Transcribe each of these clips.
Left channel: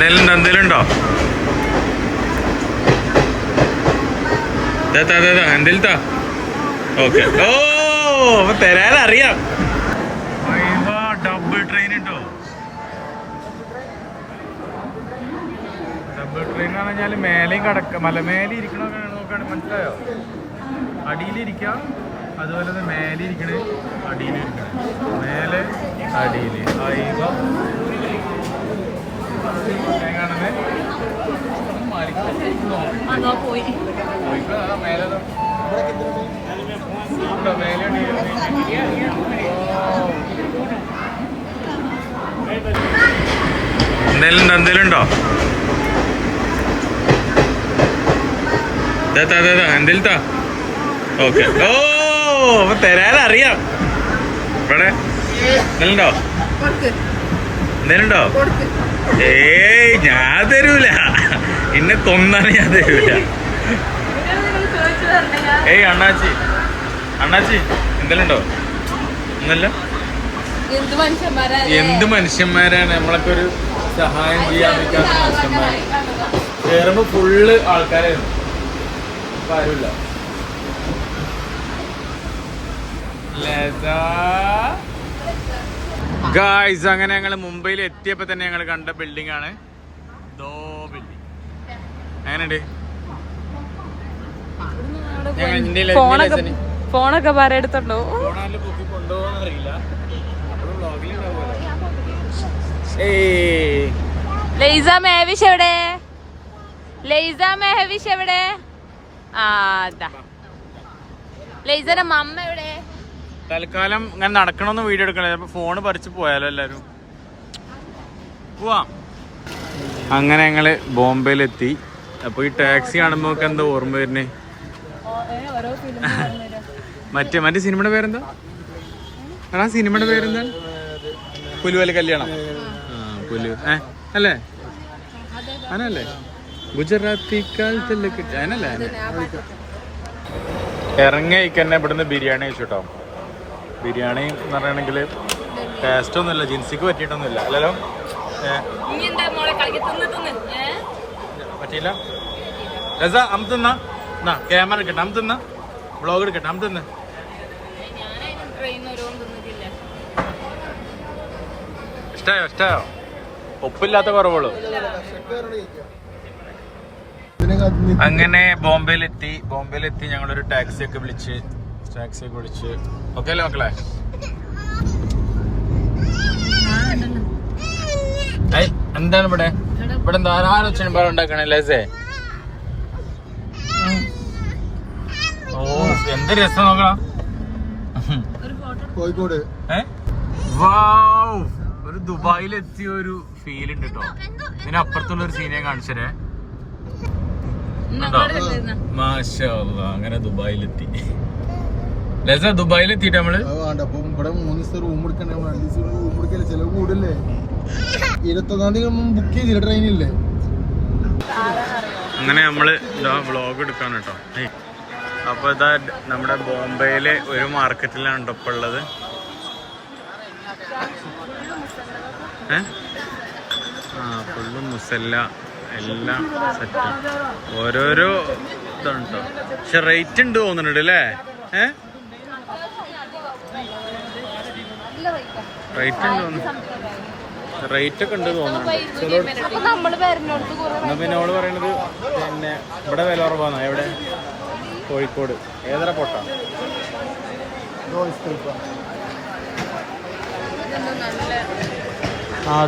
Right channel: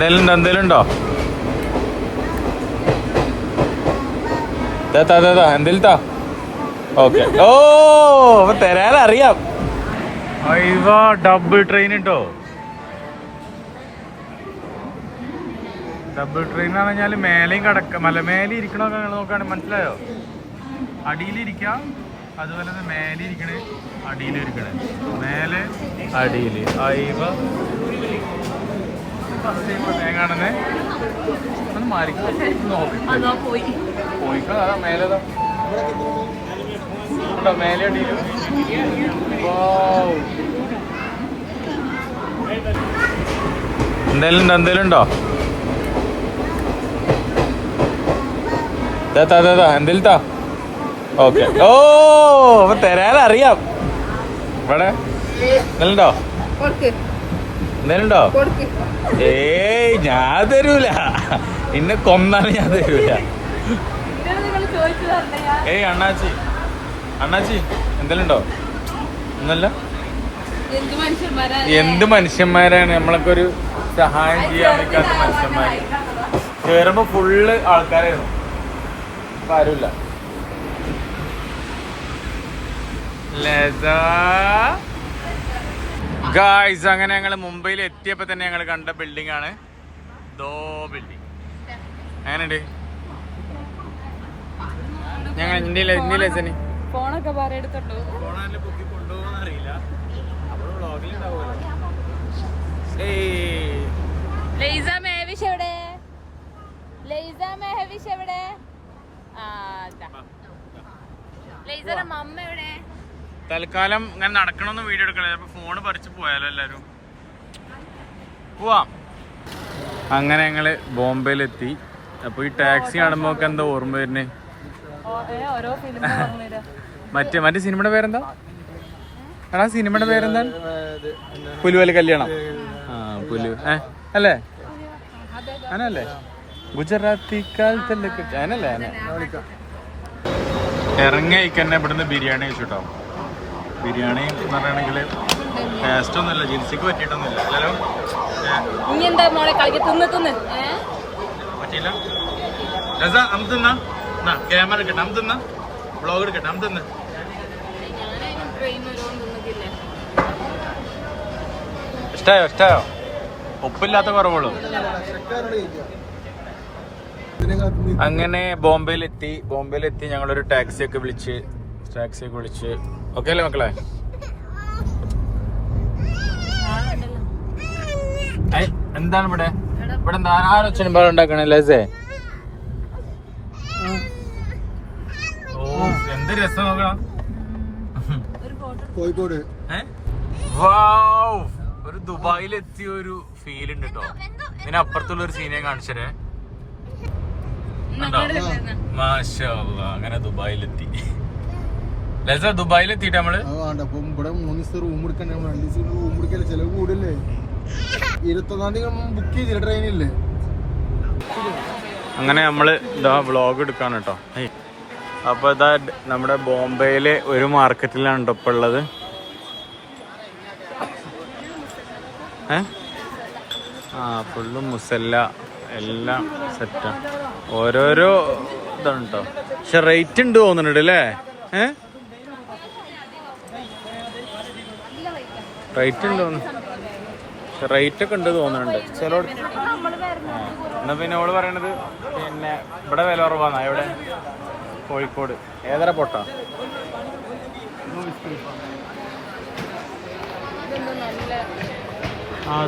എന്തേലും ഉണ്ടോ? എന്തേലും താ. ഓക്കെ. ഓ തരാനറിയാം. ഡബിൾ ട്രെയിൻ ഉണ്ടോ? ഡബിൾ ട്രെയിൻ എന്ന് പറഞ്ഞാൽ മേലെയും മലമേലെ ഇരിക്കണമൊക്കെ നോക്കുകയാണെങ്കിൽ മനസ്സിലായോ? അടിയിലിരിക്കാം, അതുപോലെ തന്നെ മേലെ ഇരിക്കണേ, അടിയിലും ഇരിക്കണേ, മേലെ അടിയിൽ. കാണുന്നേ മേലെ എന്തേലും ഉണ്ടോ? എന്തേലും താ. ഓക്കെ. ഓ തരാനറിയാം. ഇവിടെ എന്തേലുണ്ടോ? ഏയ് ഞാൻ തരൂല, ഇന്നെ കൊന്നാലും ഞാൻ തരൂല. ഏയ് അണ്ണാച്ചി എന്തേലും ഉണ്ടോ? ഒന്നല്ല. എന്ത് മനുഷ്യന്മാരാണ് നമ്മളൊക്കെ, ഒരു സഹായം ചെയ്യാൻ നിൽക്കാത്ത മനുഷ്യന്മാര്. കേറുമ്പോ ഫുള്ള് ആൾക്കാരായിരുന്നു, ആരുമില്ല. ഗായ്സ്, അങ്ങനെ ഞങ്ങൾ മുംബൈയിൽ എത്തിയപ്പോ തന്നെ ഞങ്ങൾ കണ്ട ബിൽഡിംഗ് ആണ് ദോ ബിൽഡിംഗ്. എങ്ങനെയുണ്ട്? ഫോണൊക്കെ പറയെടുത്തുണ്ടോ? ഫോണാല് പൊക്കി കൊണ്ടുപോകാൻ അറിയില്ല, നമ്മള് വ്ളോഗിൽ ഉണ്ടാവുമല്ലോ. ലൈസ മെഹവിഷ് എവിടെ? ലൈസ മെഹവിഷ് എവിടെ? ലൈസയുടെ മമ്മ എവിടെ? തൽക്കാലം ഞാൻ നടക്കണമെന്ന് വീഡിയോ എടുക്കണേ, അപ്പൊ ഫോണ് പറിച്ച് പോയാലോ എല്ലാരും. പോവാം. അങ്ങനെ ഞങ്ങള് ബോംബെയിലെത്തി. അപ്പൊ ഈ ടാക്സി കാണുമ്പോ എന്താ ഓർമ്മ വരുന്നേ? മറ്റേ സിനിമയുടെ പേരെന്താ? എടാ സിനിമയുടെ പേരെന്താ? പുലുവലി കല്യാണം. പുലു അല്ലേ? അനല്ലേ? ഗുജറാത്തി കാലത്തല്ലേ കിട്ടി അതിനല്ലേ? ഇറങ്ങിയന്നെ ഇവിടുന്ന് ബിരിയാണി കഴിച്ചിട്ടോ. ബിരിയാണി എന്ന് പറയണെങ്കിൽ ടേസ്റ്റ് ഒന്നുമില്ല, ജിൻസിക്ക് പറ്റിയിട്ടൊന്നുമില്ല. അല്ലല്ലോ പറ്റിയില്ല. ക്യാമറ എടുക്കട്ടെ, അം തിന്ന് വ്ളോഗ് എടുക്കട്ടെ, അം തിന്ന്. ഇഷ്ടായോ? ഒപ്പില്ലാത്ത കുറവുള്ളൂ. അങ്ങനെ ബോംബെയിലെത്തി ഞങ്ങളൊരു ടാക്സി ഒക്കെ വിളിച്ച് ഓക്കെ അല്ലേ മക്കളെ? എന്താണ് ഇവിടെ എന്താ ആരൊച്ചമ്പാട് ഉണ്ടാക്കണേ? ലേസേ ഓ എന്ത് രസം നോക്കണം. കോഴിക്കോട് ഒരു ദുബായിലെത്തിയ ഒരു ഫീൽ ഉണ്ട് കേട്ടോ. ഇതിനപ്പുറത്തുള്ള ഒരു സീനെ കാണിച്ചേ ഉണ്ടോ? മാഷാ അല്ലാഹ്. അങ്ങനെ ദുബായിലെത്തി. ദുബായിലെത്തിട്ട് നമ്മള് ഇവിടെ 3 ദിവസം റൂം എടുക്കണ്ടേ? റൂം എടുക്കല്ലേ, ചെലവ് കൂടല്ലേ? 21-ാം തീയതി ബുക്ക് ചെയ്തില്ല, ട്രെയിനില്ലേ? അങ്ങനെ നമ്മള് ഇതാ വ്ളോഗ് എടുക്കാണ് കേട്ടോ. അപ്പൊ ഇതാ നമ്മുടെ ബോംബെയില് ഒരു മാർക്കറ്റിലാണ് കേട്ടോ ഇപ്പൊ ഉള്ളത്. ഫുള്ളും മുസല്ല എല്ലാം സെറ്റാ. ഓരോരോ ഇതാണ് കേട്ടോ. പക്ഷെ റേറ്റ് ഉണ്ട് തോന്നുന്നുണ്ട് അല്ലേ? റേറ്റ് ഉണ്ട് തോന്നുന്നു. റേറ്റ് ഒക്കെ ഉണ്ട് തോന്നുന്നുണ്ട് ചിലടത്ത്. എന്നാ പിന്നെ ഓള് പറയണത് പിന്നെ ഇവിടെ വില കുറവാന്നാ. എവിടെ? കോഴിക്കോട്. ഏതര പൊട്ടണം?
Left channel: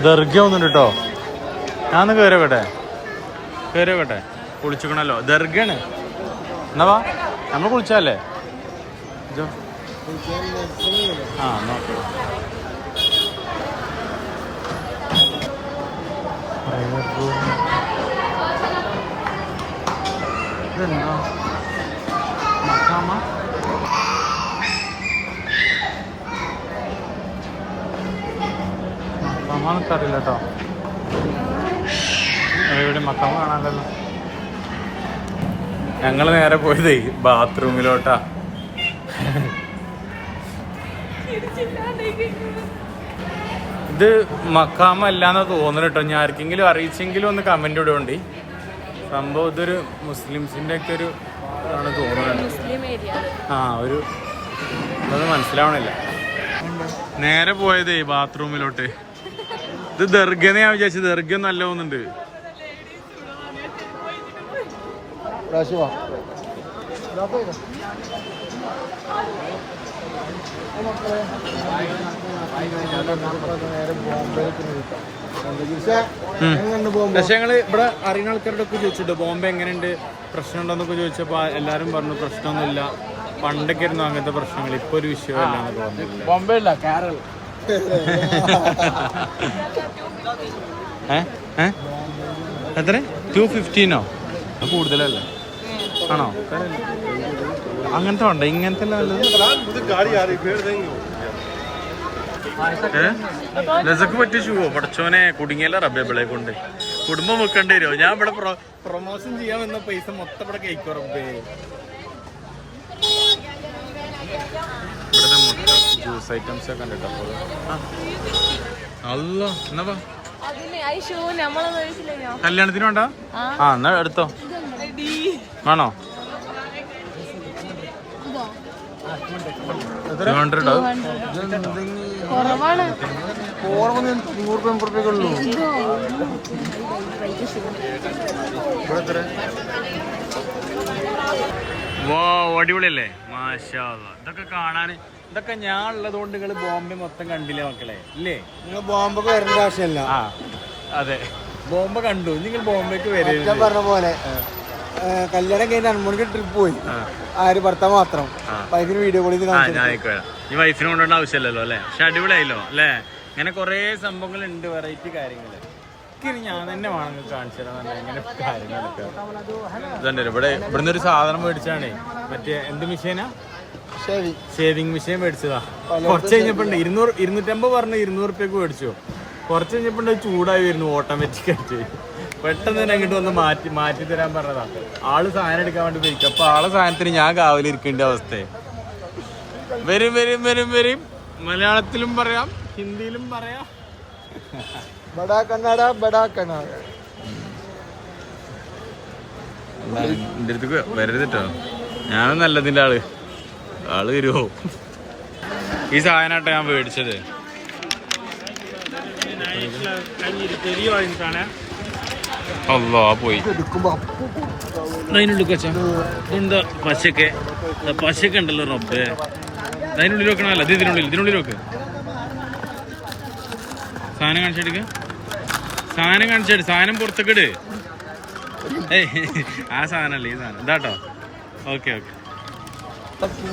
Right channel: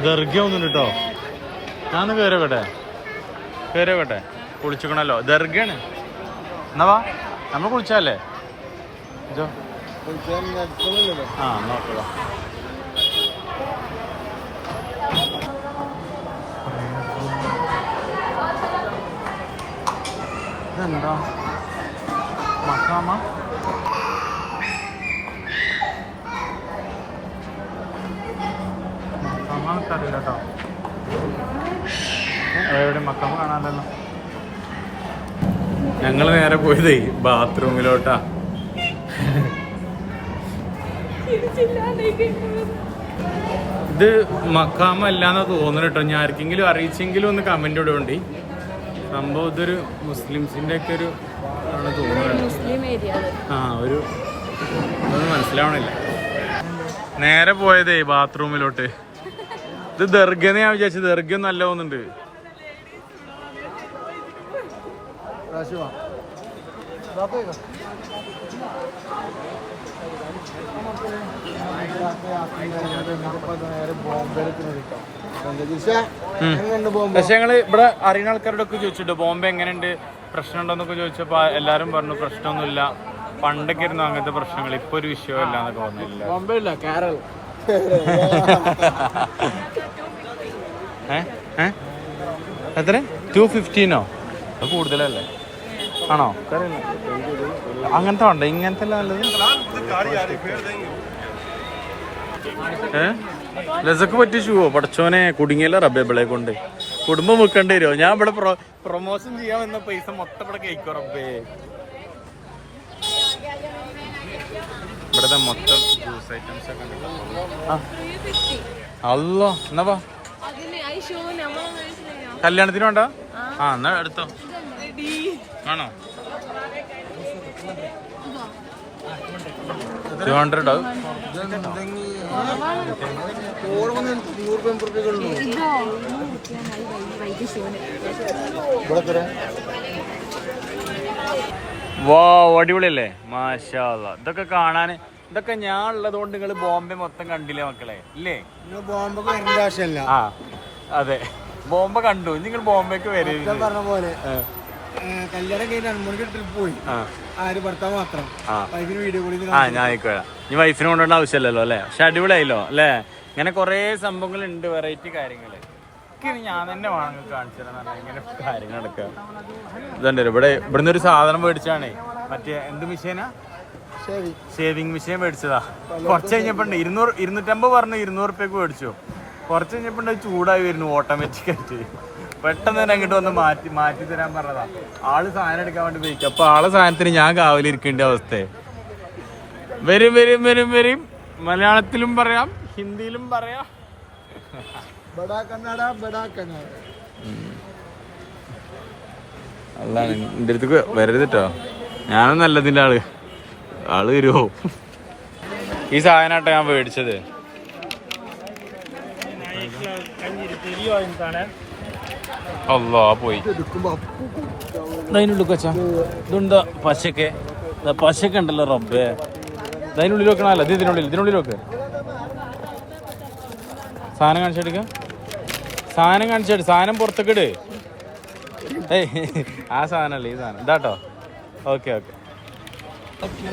ദർഗ ഒന്നുണ്ട് കേട്ടോ. ഞാനൊന്ന് കയറിയോട്ടെ. കുളിച്ചിക്കണല്ലോ. ദർഗയാണ്. എന്നാ വാ, നമ്മൾ കുളിച്ചല്ലേ ജോ? നോക്കാം. ഇതെന്താ മക്കാമ? മക്കാമ അറിയില്ല കേട്ടോ. എവിടെ മക്കാമ കാണാനല്ലോ. ഞങ്ങൾ നേരെ പോയതേ ബാത്റൂമിലോട്ടാ. ഇത് മക്കാമല്ലാന്ന് തോന്നുന്നു കേട്ടോ. ഞാൻ ആർക്കെങ്കിലും അറിയിച്ചെങ്കിലും ഒന്ന് കമന്റ് ഇടുകൊണ്ട്. സംഭവം ഇതൊരു മുസ്ലിംസിന്റെ ഒക്കെ ഒരു ഇതാണ് തോന്നുന്നുണ്ട്. ആ ഒരു ഇതൊന്നും മനസ്സിലാവണില്ല. നേരെ പോയതേ ബാത്റൂമിലോട്ട്. ഇത് ദർഗന്ന് ഞാൻ വിചാരിച്ചത്. ദർഗ നല്ല തോന്നുന്നുണ്ട്. പക്ഷെ ഞങ്ങള് ഇവിടെ അറിയുന്ന ആൾക്കാരോട് ഒക്കെ ചോദിച്ചിട്ട് ബോംബെ എങ്ങനെയുണ്ട്, പ്രശ്നമുണ്ടോന്നൊക്കെ ചോദിച്ചപ്പോ എല്ലാരും പറഞ്ഞു പ്രശ്നമൊന്നുമില്ല, പണ്ടൊക്കെ ആയിരുന്നു അങ്ങനത്തെ പ്രശ്നങ്ങൾ, ഇപ്പൊ ഒരു വിഷയമല്ല എന്നൊക്കെ പറഞ്ഞില്ല. ബോംബെ അല്ല, കേരള. എത്ര 215 അത് കൂടുതലല്ലേ? ആണോ? അങ്ങനത്തെ ഉണ്ടോ? ഇങ്ങനത്തെ നല്ലത് ലസക്ക് പറ്റിയ ഷൂവോ? പഠിച്ചോനെ കുടുങ്ങിയല്ല റബ്ബെ പിളെ കൊണ്ട്. കുടുംബം വെക്കേണ്ടി വരുമോ? ഞാൻ ഇവിടെ പ്രൊമോഷൻ ചെയ്യാൻ വന്ന പൈസ മൊത്തം ഇവിടെ കഴിക്കോ റബ്ബേ. ഇവിടുത്തെ മൊത്തം ജ്യൂസ് ഐറ്റംസ് ഒക്കെ ഉണ്ട് കേട്ടോ. അല്ലോ എന്നാ വാ. കല്യാണത്തിന് വേണ്ട? ആ എന്നാ എടുത്തോ. ആണോ? 200 ആവും. വാ അടിപൊളിയല്ലേ? മാഷാ അല്ലാഹ്. ഇതൊക്കെ കാണാന്, ഇതൊക്കെ ഞാൻ ഉള്ളത് കൊണ്ട് നിങ്ങൾ ബോംബെ മൊത്തം കണ്ടില്ലേ മക്കളെ? ഇല്ലേ? നിങ്ങൾ ബോംബെക്ക് വരേണ്ട ആവശ്യമല്ല. അതെ, ബോംബെ കണ്ടു. നിങ്ങൾ ബോംബെക്ക് വരരുത്. പറഞ്ഞ പോലെ കല്യാണം കഴിഞ്ഞ 2 മണിക്ക് ട്രിപ്പ് പോയി. ആര് ഭർത്താവ് മാത്രം. അതിന് വീഡിയോ കോളിൽ ഞാൻ ഈ വൈഫിനെ കൊണ്ടുവന്ന ആവശ്യമില്ലല്ലോ അല്ലേ? പക്ഷെ അടിപൊളിയായില്ലോ അല്ലേ? ഇങ്ങനെ കുറേ സംഭവങ്ങൾ ഉണ്ട്, വെറൈറ്റി കാര്യങ്ങള്. ഞാൻ തന്നെ വേണമെങ്കിൽ കാണിച്ചു തരാൻ ഇങ്ങനെ കാര്യങ്ങളൊക്കെ. ഇതുണ്ട് ഇവിടുന്ന് ഒരു സാധനം മേടിച്ചാണേ. മറ്റേ എന്ത് മെഷീനാ? ഷേവിങ് മെഷീൻ മേടിച്ചതാ. കുറച്ച് കഴിഞ്ഞപ്പോ 250 പറഞ്ഞു 200 റുപ്യക്ക് മേടിച്ചു. കുറച്ച് കഴിഞ്ഞപ്പോ ചൂടായി വരുന്നു ഓട്ടോമാറ്റിക് ആയിട്ട്. പെട്ടെന്ന് തന്നെ അങ്ങോട്ട് വന്ന് മാറ്റി തരാൻ പറഞ്ഞതാ. ആള് സാധനം എടുക്കാൻ വേണ്ടി പോയിക്കും. അപ്പൊ ആളെ സാധനത്തിന് ഞാൻ കാവലിരിക്കേണ്ട അവസ്ഥ. വരും വരും വരും വരും. മലയാളത്തിലും പറയാം, ഹിന്ദിയിലും പറയാം. എന്റെ അടുത്ത് വരരുതിട്ടോ. ഞാനും നല്ലതിന്റെ ആള് വരുമോ? ഈ സാധനമാട്ടോ ഞാൻ മേടിച്ചത്. അല്ലാ പോയി. അതിനുള്ളിൽ വെച്ചാ ഇതെന്താ പശക്കെ? പശക്കെ ഉണ്ടല്ലോ റബ്ബേ. അതിനുള്ളിൽ വെക്കണല്ലോ. ഇത് ഇതിനുള്ളിൽ വെക്ക്. സാധനം കാണിച്ചെടുക്ക. സാധനം കാണിച്ചെടു. സാധനം പുറത്തേക്ക് ഇട്. ആ സാധനല്ലേ ഈ സാധനം ഇതാട്ടോ. Okay okay.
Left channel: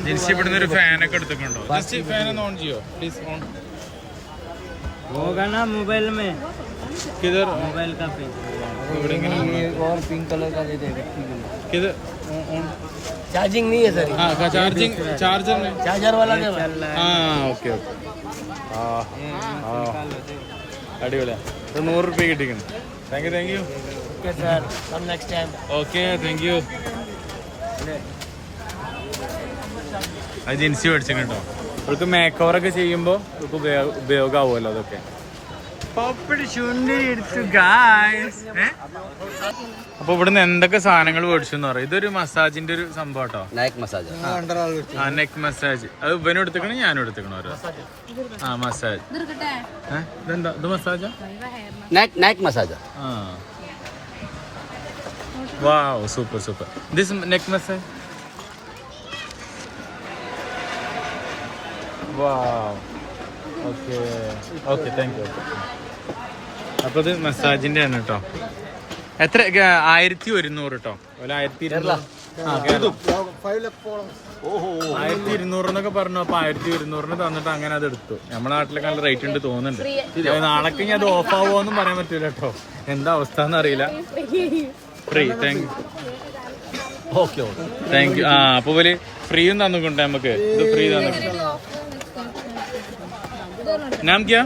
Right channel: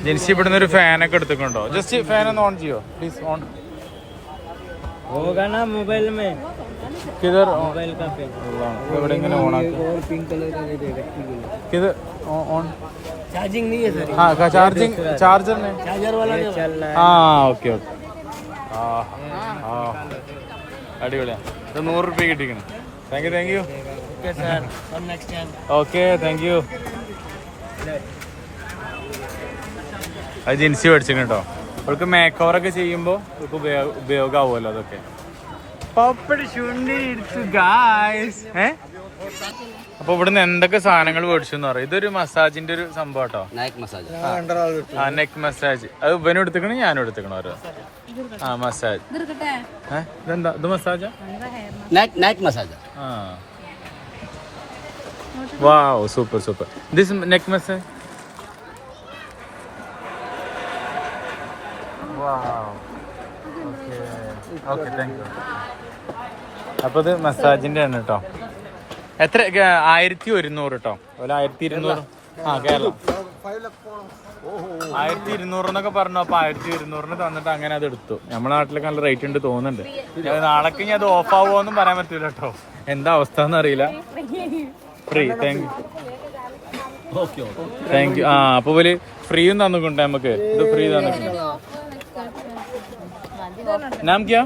ജിൻസി ഇവിടുന്ന് ഒരു ഫാനൊക്കെ എടുത്തിട്ടുണ്ടോ? ജസ്റ്റ് ഫാൻ ഒന്ന് ഓൺ ചെയ്യോ പ്ലീസ്? ഓൺ होगा ना मोबाइल में, किधर मोबाइल का फैन ഇവിടെ ഇങ്ങനെ ഓൺ ആക്കി. और पिंक कलर का दे देगा। किधर ഓൺ? चार्जिंग नहीं है सर। हाँ चार्जिंग चार्जर में चार्जर वाला नहीं चल रहा है। हाँ ഓക്കെ ഓക്കെ. ആ ആ അടിപൊളിയാ. ഇത് 100 റുപ്യ കിട്ടിക്കണം. Thank you. Okay sir, come next time. Okay thank you. അത് ജിൻസി മേടിച്ചിട്ടുണ്ട് കേട്ടോ. അവൾക്ക് മേക്ക് ഓവറൊക്കെ ചെയ്യുമ്പോൾ അവൾക്ക് ഉപയോഗമാവുമല്ലോ അതൊക്കെ. അപ്പൊ ഇവിടുന്ന് എന്തൊക്കെ സാധനങ്ങൾ മേടിച്ചു എന്ന് പറയാം. ഇതൊരു മസാജിന്റെ ഒരു സംഭവം കേട്ടോ. Nice massage. Neck massage. അത് ഇവനും എടുത്തിക്കണു ഞാനും എടുത്തിക്കണു ഓരോ. മസാജ്. ഇതെന്താ? ഇത് മസാജാ? Nice massage. Wow super super. This neck massage. Wow okay okay thank you. അപ്പോൾ ഇത് മസാജിന്റെ ആണ് കേട്ടോ. എത്ര? 1100 കേട്ടോ. 1200. ആ കേരള 1200 എന്നൊക്കെ പറഞ്ഞു. അപ്പൊ 1200 തന്നിട്ട് അങ്ങനെ അത് എടുത്തു. നമ്മുടെ നാട്ടിലൊക്കെ നല്ല റേറ്റ് ഉണ്ട് തോന്നുന്നുണ്ട്. നാളേക്ക് ഇനി അത് ഓഫ് ആവുമോന്നും പറയാൻ പറ്റൂല കേട്ടോ. എന്താ അവസ്ഥ എന്ന് അറിയില്ല. Free. Thank you. Okay okay thank U. അപ്പൊ പോലെ ഫ്രീയും തന്നിട്ടുണ്ട് നമുക്ക്. ഇത് ഫ്രീ തന്നിട്ടുണ്ട്. नाम क्या?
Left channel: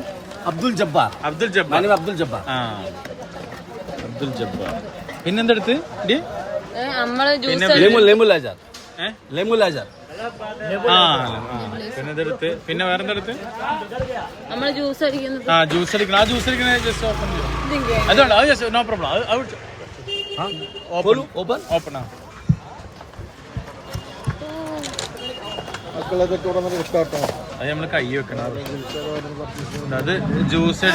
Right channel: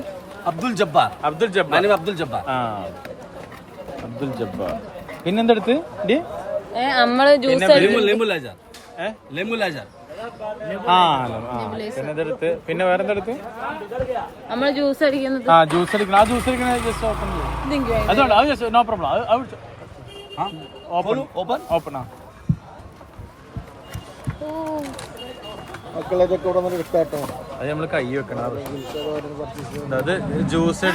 अब्दुल जब्बार। अब्दुल जब्बार. मैंने अब्दुल जब्बार। അബ്ദുൽ ജബ്ബാർ. പിന്നെന്തെടുത്ത്? लेमू लाइजर। लेमू लाइजर। ആ അല്ല ആ പിന്നെ ഇതെടുത്ത് പിന്നെ വേറെ എന്തെടുത്ത് നമ്മള് ജ്യൂസ് അടിക്കുന്നത് ആ ജ്യൂസ് അടിക്കണം ആ ജ്യൂസ് അടിക്കണ ജസ്റ്റ് ഓപ്പൺ ചെയ്യും അതുകൊണ്ട് അത് ജസ്റ്റ് നോ പ്രോബ്ലം അത് ഓപ്പൺ Open? ഓപ്പൺ ആ മക്കളതൊക്കെ ഇവിടെ നമുക്ക് സ്റ്റാർട്ടാണ്. അത് നമ്മൾ കൈ വെക്കണം അത് ജ്യൂസ്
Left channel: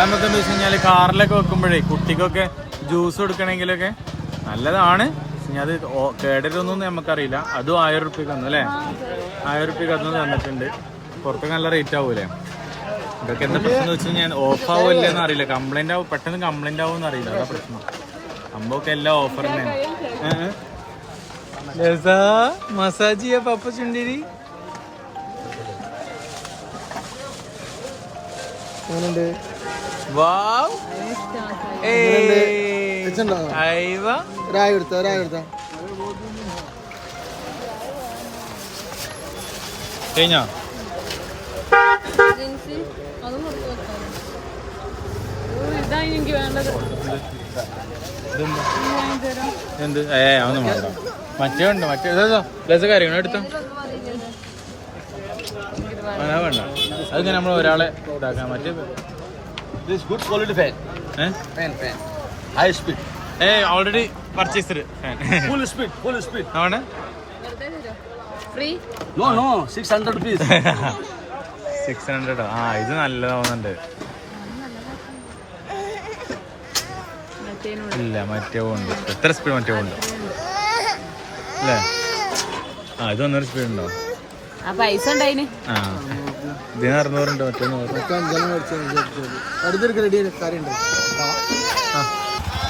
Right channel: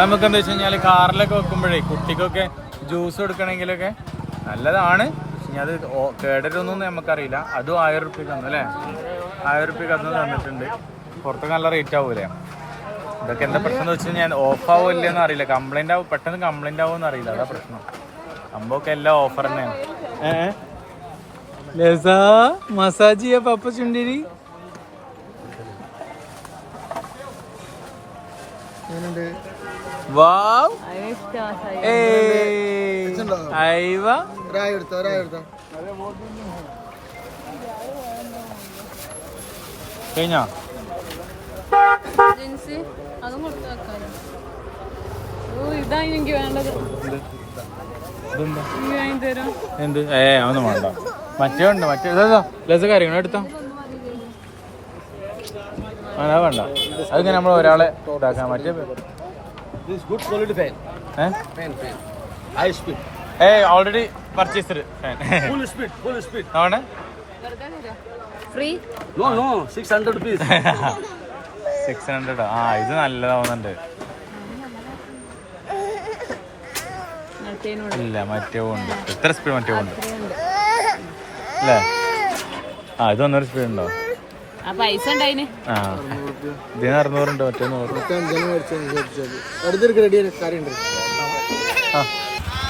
നമുക്ക് എന്താ വെച്ച് കഴിഞ്ഞാൽ കാറിലൊക്കെ വെക്കുമ്പോഴേ കുട്ടിക്കൊക്കെ ജ്യൂസ് കൊടുക്കണമെങ്കിലൊക്കെ നല്ലതാണ്. പക്ഷെ അത് കേടരൊന്നും നമുക്കറിയില്ല. അതും 1000 റുപ്യക്ക് തന്നു അല്ലേ? 1000 റുപ്യക്ക് അതൊന്നും തന്നിട്ടുണ്ട്. പുറത്തൊക്കെ നല്ല റേറ്റ് ആവൂലേ? ഇതൊക്കെ എന്താ പ്രശ്നം എന്ന് വെച്ച് കഴിഞ്ഞാൽ ഓഫ് ആവില്ലെന്ന് അറിയില്ല. കംപ്ലൈന്റ് ആവും, പെട്ടെന്ന് കംപ്ലൈന്റ് ആവുമെന്ന് അറിയില്ല. അതാ പ്രശ്നം. സംഭവമൊക്കെ എല്ലാം ഓഫർ തന്നെയാണ്. മസാജ് ചെയ്യാ പപ്പ ചുണ്ടിരി അങ്ങനെയുണ്ട്. വാവ് വെച്ചിട്ടുണ്ടോ? രായ എടുത്തോ കഴിഞ്ഞോ? ഇതാണ് എനിക്ക് വേണ്ടത്. എന്ത് ഒന്നും വേണ്ട. മറ്റേ ഉണ്ട് മറ്റേ പ്ലസ് കാര്യങ്ങൾ എടുത്താ അതാ വേണ്ട. അത് നമ്മൾ ഒരാളെ ഇതാക്കാൻ മറ്റേ This good quality fan. Fan. High speed. Already purchased fan. Full speed. ആണ് ഫ്രീ No, 600 rupees. 600. ആ ഇത് നല്ലതാവുന്നുണ്ട്. ഇല്ല മറ്റേ ഉണ്ട്. എത്ര സ്പീഡ് മറ്റേ ഉണ്ട് അല്ലേ? ആ ഇത് 100 സ്പീഡ് ഉണ്ടോ? ആ പൈസ ഉണ്ടായിന്. ആ ഇതിന് 600 ഉണ്ട് മറ്റേ 100. അടുത്തൊരു റെഡി കാര്യമുണ്ട്.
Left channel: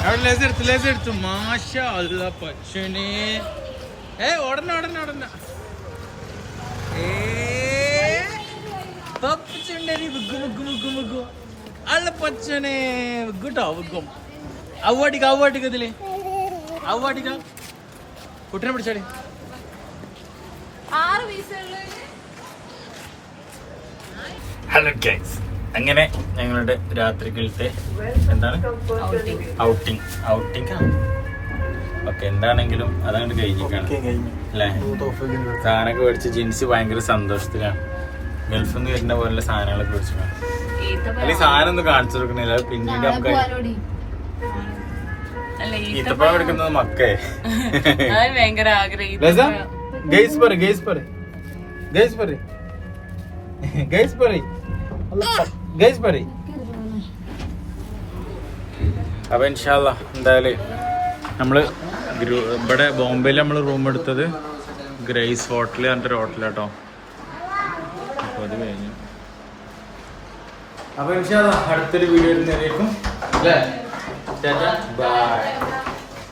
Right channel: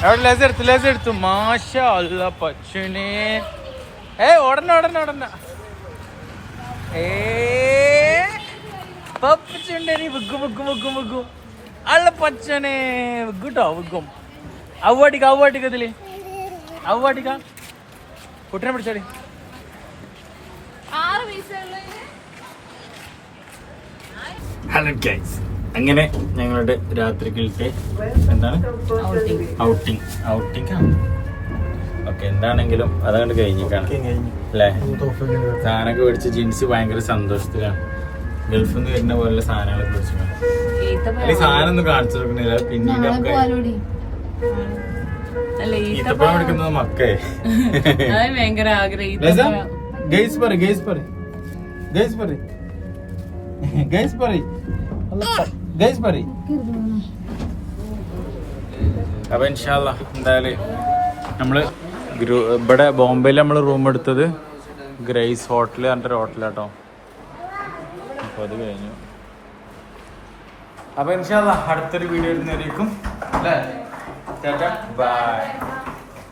അവിടെ ലേസ് എടുത്തു. മാഷാ അല്ലാ പച്ചനെ. ഓടണ്ട അല്ല പച്ചനെ വിട്ടോ വിക്കും. അവടിക്ക ഇതില് അവടിക്ക കുട്ടിനെ പിടിച്ചോളി. 6 പൈസ. ഹലോ ഗൈസ്, അങ്ങനെ ഞങ്ങളുടെ രാത്രിയിലത്തെ എന്താണ് ഔട്ടിങ് ആണ്. ഓക്കെ എന്താണെങ്കിലും അതങ്ങോട്ട് കഴിഞ്ഞിക്കാണ് അല്ലേ? സാധനമൊക്കെ മേടിച്ച് ജീൻസ് ഭയങ്കര സന്തോഷത്തിലാണ്. ഗൾഫിൽ നിന്ന് വരുന്ന പോലുള്ള സാധനങ്ങളൊക്കെ മേടിച്ചിട്ടാണ്. അല്ലെങ്കിൽ സാധനം ഒന്നും കാണിച്ചു കൊടുക്കണില്ല. പിന്നീട് നമുക്ക് ഈത്തപ്പഴം എടുക്കുന്നത് മക്കേ ഭയങ്കര ആഗ്രഹം. അപ്പൊ ഇൻഷാല്ലാ എന്തായാലും നമ്മള് ഇവിടെ ബോംബെയിൽ നമ്മൾ റൂം എടുത്തത് ഗ്രേസ് ഹോട്ടൽ പറഞ്ഞിട്ടൊരു ഹോട്ടലാട്ടോ. അപ്പൊ അത് കഴിഞ്ഞു. അപ്പൊ ഇൻഷാല്ലാ അടുത്തൊരു വീഡിയോ ഇടുന്നതായിരിക്കും. ബൈ.